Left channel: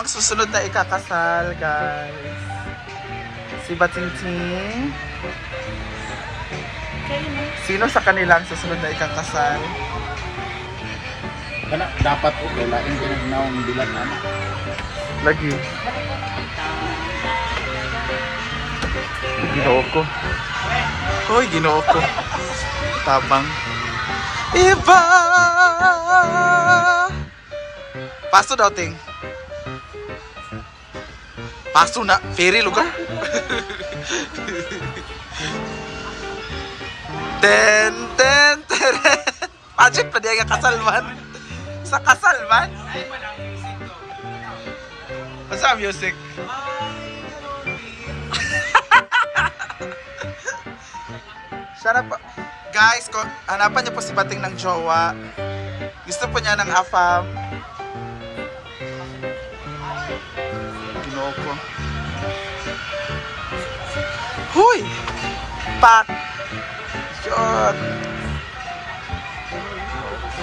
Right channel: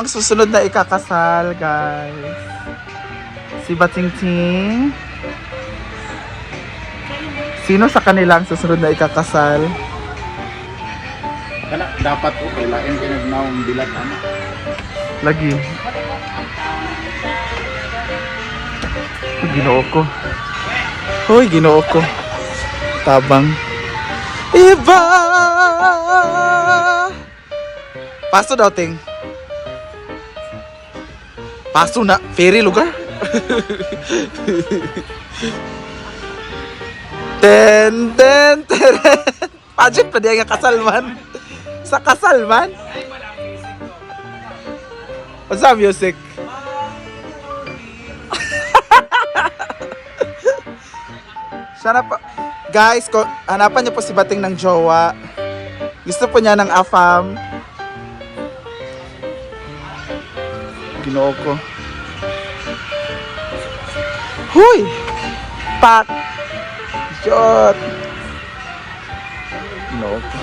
Ang susunod na ikakasal, guys. Si Batingting. Sino sa kanila ang susunod na ikakasal? Kana dapat ito lain pinagnaong bilat ano. Lagi. Ginoo ko. Hoy, ginoo ko. Tabang. Iba! Paso daw, ting. Paso na. Ferry lugar. Ten, ten, teren. Pageant pa diya nga kasal man. Sa kasal man. What's up, music? Sana pa. Guys, hanapan niyo po si Bating ng jowa. Gusto po niya ng afam. Ginoo ko. Huy! Pak! Yot! Ginoo ko.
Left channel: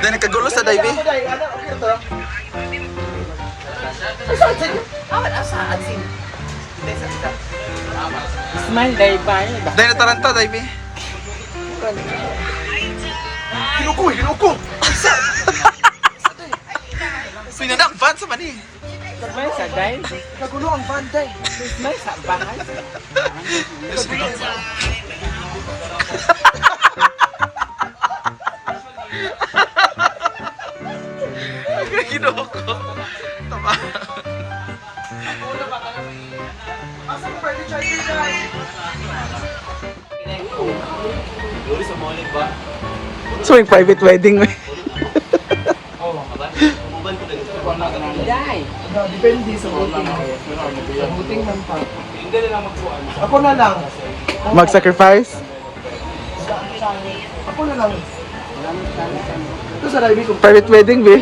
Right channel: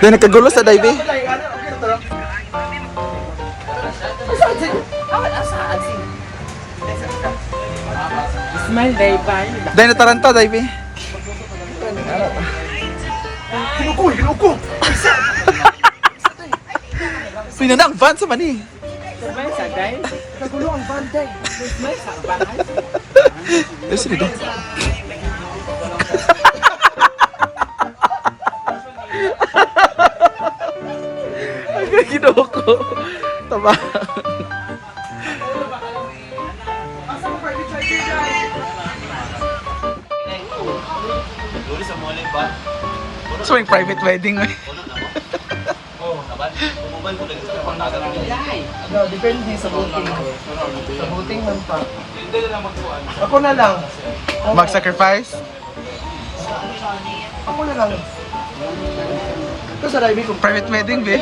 Dahil nagkagulo sa dive. Smile day pa. Dahil nataranta dive. Ginuko, ginuko. Pinana ang van sa mani. Smile sa day. Kagulo ang banday. Smile sa bahay. Yes, dito. Ang ginoo ko. Tama. So, yung private wedding. Day. Depende sa voting. Sa voting man pa. Ako na lang. Mag-sacrifice? Ako na lang. Ito sa Raimi ko. Private wedding, be?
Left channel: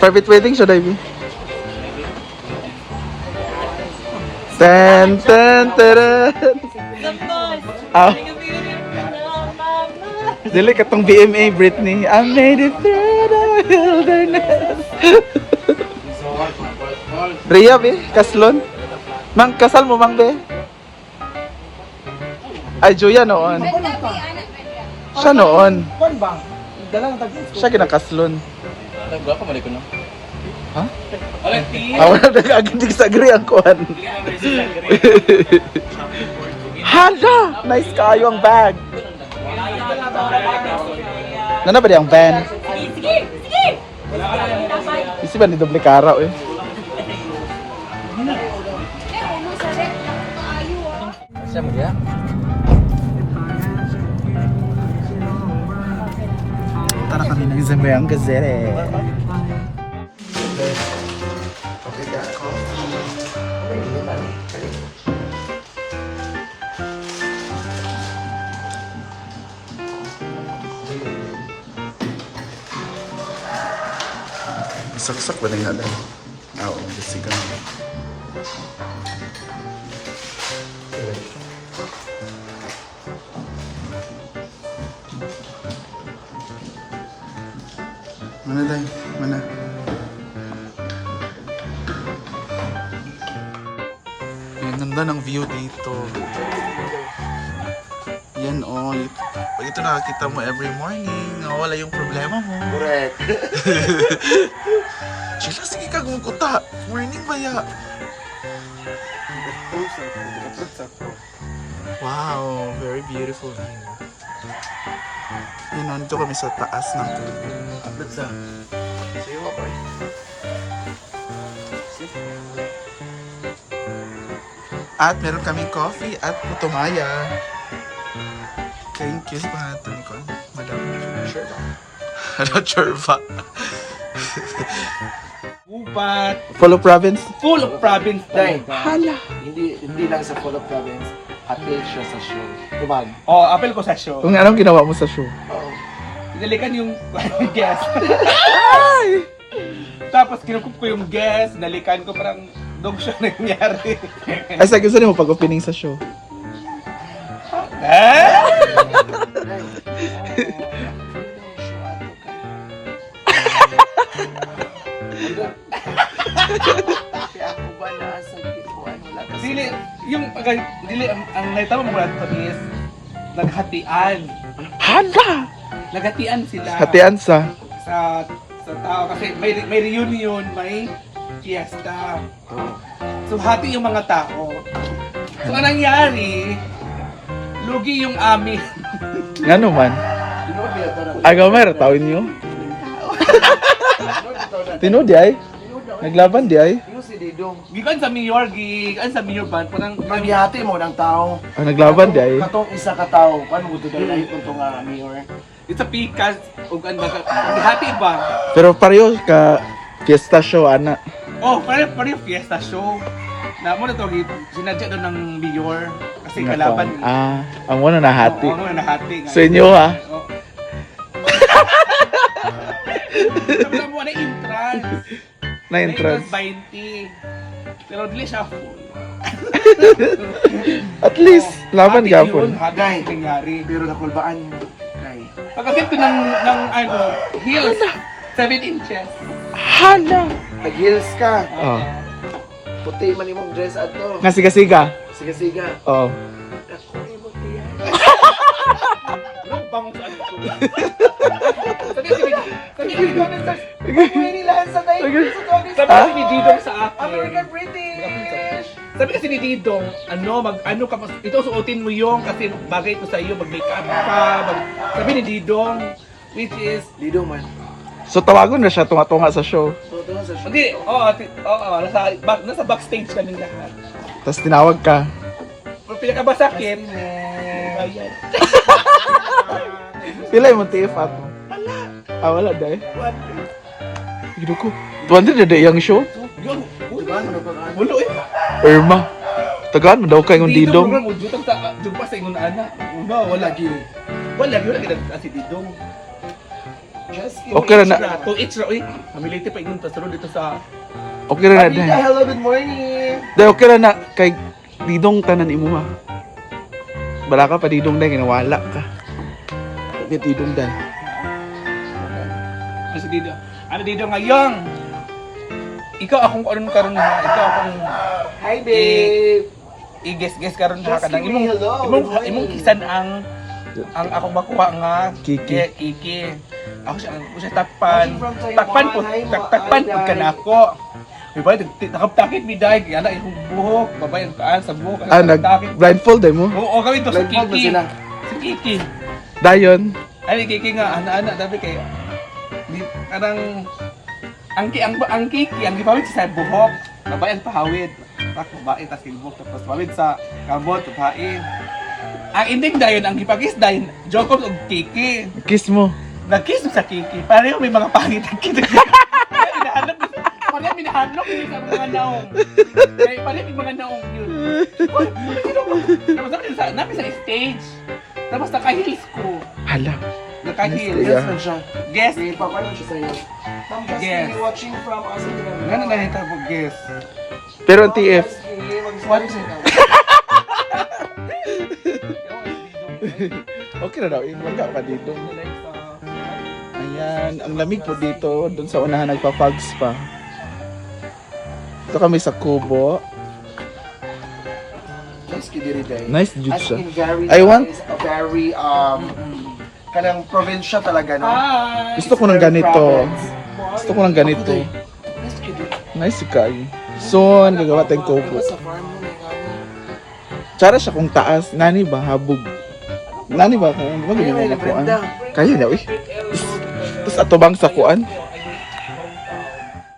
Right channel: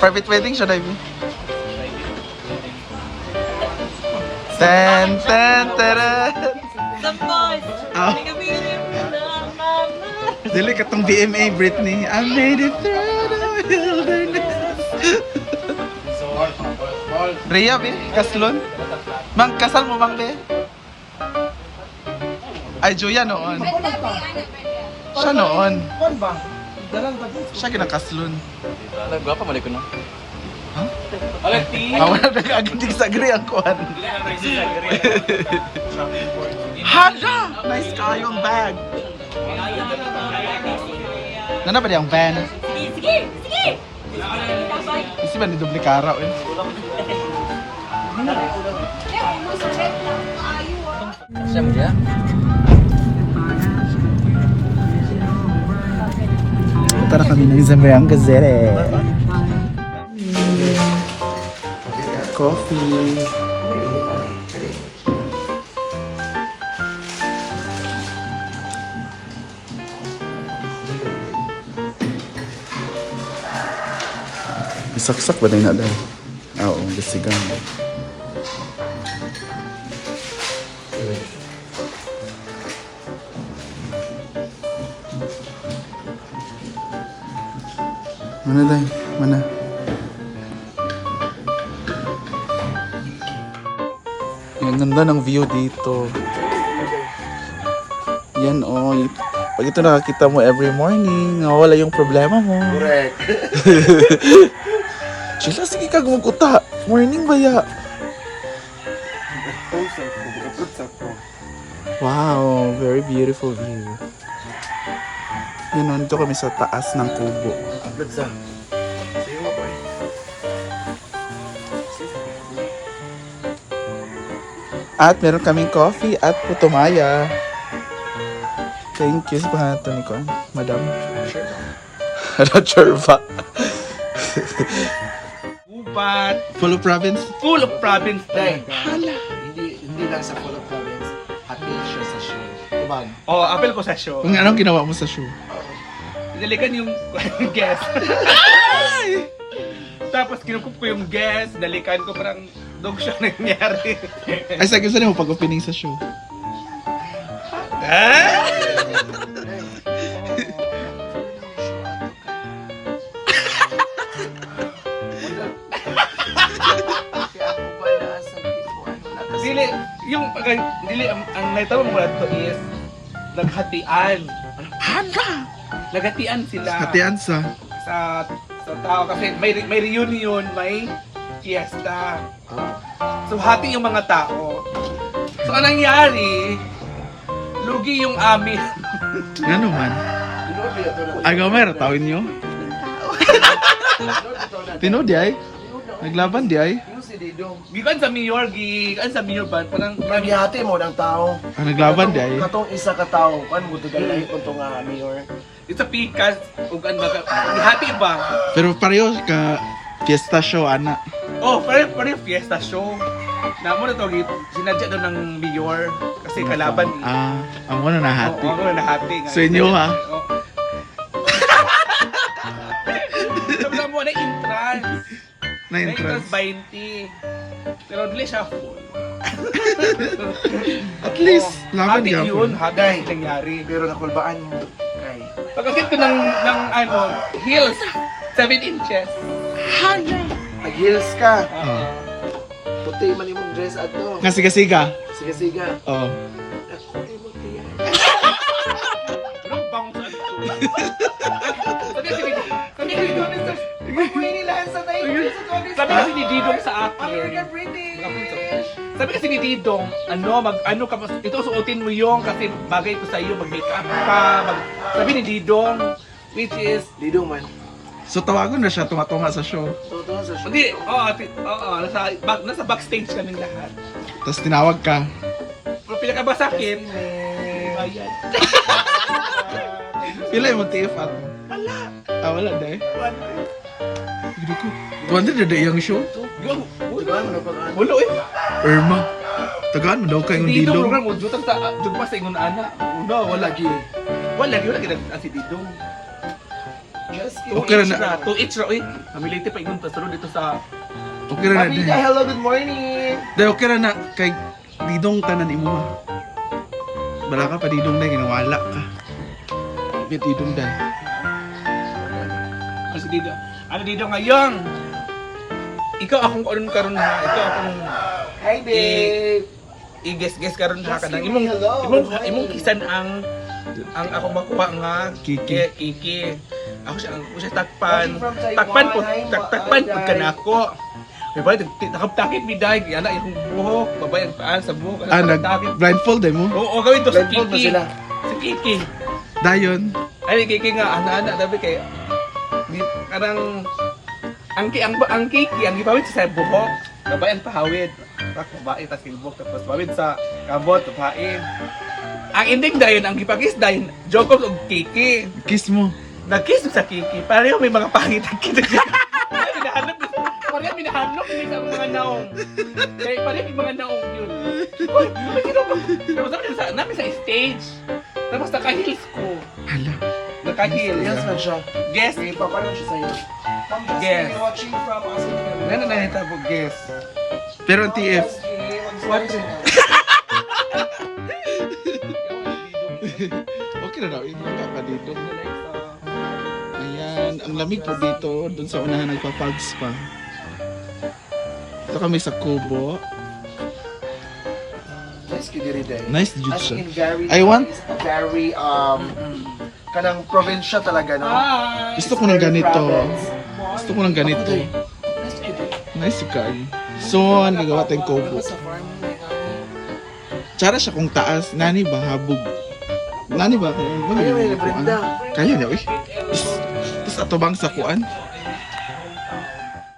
Private wedding siya, Davey. Ten, ten, teren. Ah. Dili katong BMA, Britney. I made it through the wilderness. Rhea, be? Kaslon? Mang, kasal mo, Mang, be? Ay, Juya noon. Siya noon. Kuan ba? Dalang tag. Siya kinakaslon. Nagwapa mali ko no. Ha? Wala ti. Wala nag-agindig sa agri ang kuhan. Hala! Nice kayo ang bag. Nana ba di ang van? Sige! Sige! Isi ba ni doble karaw eh? Siya mo ba? Tara kami ng Zambayang Gazette. Coffee. Saksak ba na dahil? Oo, gasigang. Mana dahil? Mana? Ang ganda ng view dito. Yan oh. Pag ito nakakita mo every morning, wala yung problema mo. Correct. Sila, sige ka gumukuta. Morning ba ya? Wow, very beautiful view. Yun, nandito kami sa taas ng kubo. At meron kaming coffee at putumaya. Thank you. Sa pangalan ni Kwan? Madam? Ano, Churva? Upat. Follow province? Full of province day. Hala. Hindi lang sa full of province. Hati siya sa show. Diba? Oh, apel ko sa show. Kung anong ginawa mo sa show? Dalikan yung guest. Tapos kinukup ko yung guest. Dalikan ko parang dog show nangyari. Ay, sa gusto mo pag-opening sa show? Kaya ako ba nasa ano na kasi Dili, yung dili ang naitama mo to is naghatian. Hala! Naghatian sila Hatian sa. sa tao kasi may reunion, may fiesta. So hati yung mga tao. So anong nangyari? Lugi yung amin. Nga naman. Agaw may ratawin nyo. Tino di ay? Naglaban di ay? Ano si Didong? Gikan sa mayor, gikan sa mayor ban parang Magyati mo ng tao. Ah, naglaban di ay? Katong isa ka tao. Paano mo tigay kung ito nga mayor? it's a pikas ug an hati ba? Pero pareho ka fiesta show, ana. Oh, pare fiesta show. Namo na to sinadya doon ng mayor kasi kalaban ni. Ah, ang wala na hati. Oo, ako na hati nga. Sa inyo ha? Oo. Sabi lang mo na entrance. Na entrance. 20. Pero dili siya full. At least, laban Hati gapon. yun, hati yung nangyari. Pero nakulbaan mo. Kay. Pagkakit ko ng ano, heels, 7 inches. Hala! Nag-heels ka. Oh. Puti man imong dress ato. Nga siga-siga. Siga-siga. Oo. Ako ay mo tiyan. Ano bang sa ano ko? Sabi Pag-uwi nila sa tayo. Sabi kasi ni Didong sa akin. American British. Sabi kasi ni Didong, ano ka, ito suotin mo yung kasi bagay ito sa iyo, mag-makeup ka, sabi ni Didong, which is, Didong man. So tawagon na siya tunga-tunga sa show. So, ito sa show. hindi, nasa backstage kaming lahat. Tapos tinawag ka. Pero pinakabasakit, ayan. Pila yung TF at mo? Wala. Ah, wala dahil. Gino ko. 200 na yung show? Yun, Diba? Ano pag ano? Bulo eh. Irma. Tagaan mo daw kayo ng didong. program, udutang sa, dugpa sa ingon ana. Una, wala gi. Wala si Didong. Just Okay na na. To each ra, uy. Hamilite pa ingon, sunod dito sa, Okay na na Pamilya, dahil. hello, good morning. Dahil okay na na. Kay didong tanan imo ha. Bala ka pa didong dahil ginawala ka. Kaya didong dahil. ano si Didong. Ano Didong ngayong? Ikaw akong karon ha. Ikaw akong Hi, babe. i-guess karon ha Just kanang give me hello. imong kisan ang akong makuha nga Kiki. Kiki. Ako siya takpan. Takpan po ka na ako. Diba, takap-takit mi dahil, yana yung buhok, babayan paan sa buhok. Ah, takap-takit. nag-blindfold eh mo? Oo, gawin to sa Blindfold mo Kiki. sila. Sa Kiki. Dayon. Ay, Kiki nga, ana-ana, dabi kay, karang, ang Kiki, ang gipawid sa buhok, babayan pahawid. Babae, tas kilbok, tapos pawid sa kabot, papain. Ang ending dayon, ang gipakis dayon, Jokos og Kiki. Kiss mo. Nag-kiss sa Kiki, pareho may mga pangit ang kita. Pareho minahanap hindi sa mga naong. Kaya pareho yung mga naong yun. Uy, tapos namin sa stage. Tapos naka-heels ko. Hala. Naka-heels. Yes, man siya. Guess. May papanon siya sa'yo. Ma'am Justin, Yes. you're watching from us in the Ano na ito po, guess. Pero ang TF. What? Okay na daw. Ilangga ka dito. Ayan. Ang lamig po dito. Doon sa unahan nagpa-fogs pa. Ito kami sa Kubo. Nice kibiri day. Nice As juice siya. in very I want- nice, very kanang probinsya talaga, no? Ah! Gusto ko ng ganito. Province. Gusto ko ng ganito. Nice kibiri. Nice kayo. Soon, gagawa tayong kubo. Sa farm mo na ikaw. Tsara siya kung taas. Nani ba? Habog. Nani ba? Kung Kaya magiging may mga kuan. Brenda. Kaya na, uy. Tapos ato bang sa kuan?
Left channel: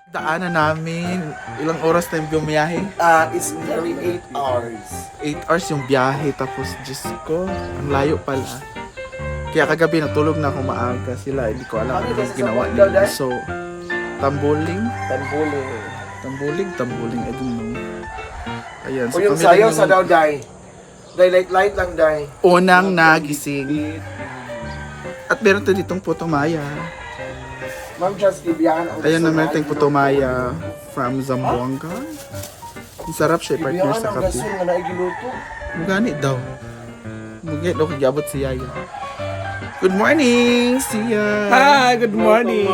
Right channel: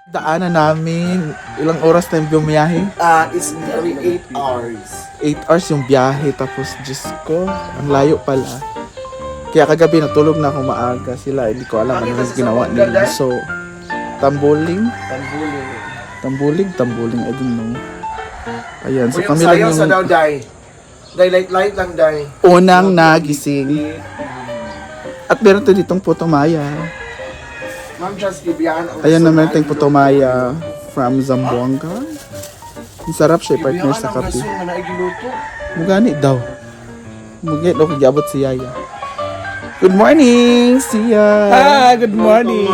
Daanan namin. Ilang oras tayong bumiyahe? It's very 8 hours. 8 hours yung biyahe. Tapos, Diyos ko, ang layo pala. Kaya kagabi natulog na ako maaga sila. Hindi ko alam ano yung ginawa nila. So, tambuling. Tambuling. I don't know. Ayan, so So, yung kami lang sayaw sa daw, yung Day. Day, light lang, Day. unang nagising. At meron to ditong Putumaya. Ma'am, just ibiyaan. Ayan na meron tayong Putumaya from Zamboanga. Ang sarap siya, partner sa kape. Ibiyaan ang gaso nga naigiluto. Mugani daw. Mugit o kagabot si Yaya. Good morning, Sia. Hi, good morning.